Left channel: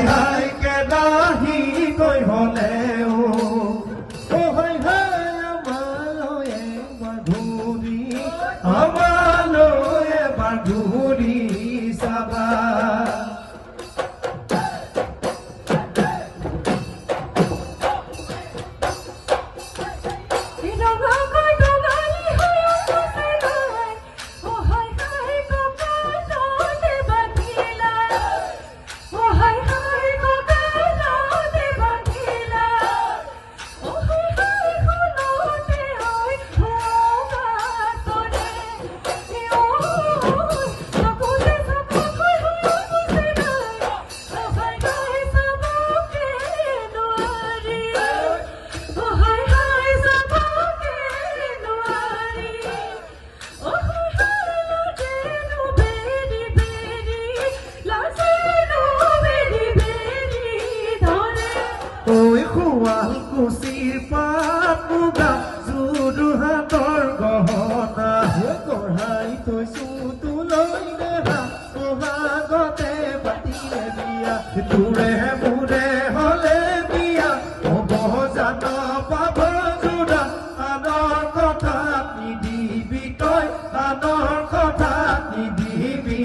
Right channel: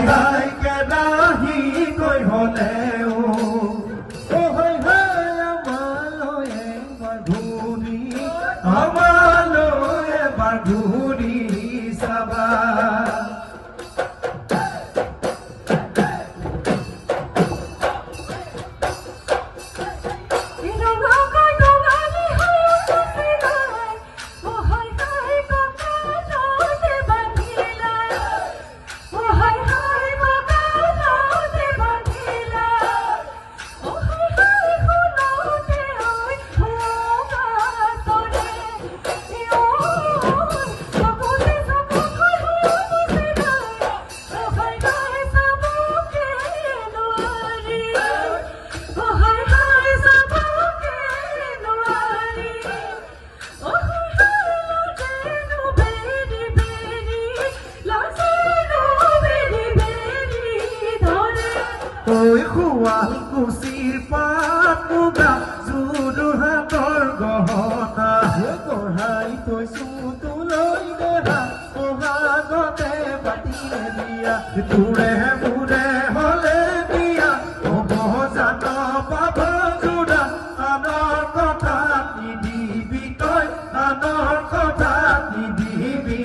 হাই হাই কেদাহি গৈ হলেও হাই হাই আমালৈ এবাৰ ঘূৰি চাবা ঐ শুৱালকুছিৰ পাত মুগা জুদু হাতৰ গহনা কঢ়াই থৈছো তোলৈ দেহা বহাগতে পাতিলে বিয়া তোৰে মোৰে হলে বিয়া হ'ব জান পাব জোৰা আনৰ কথা নিদিবি তই আনৰ কথা নিদিবি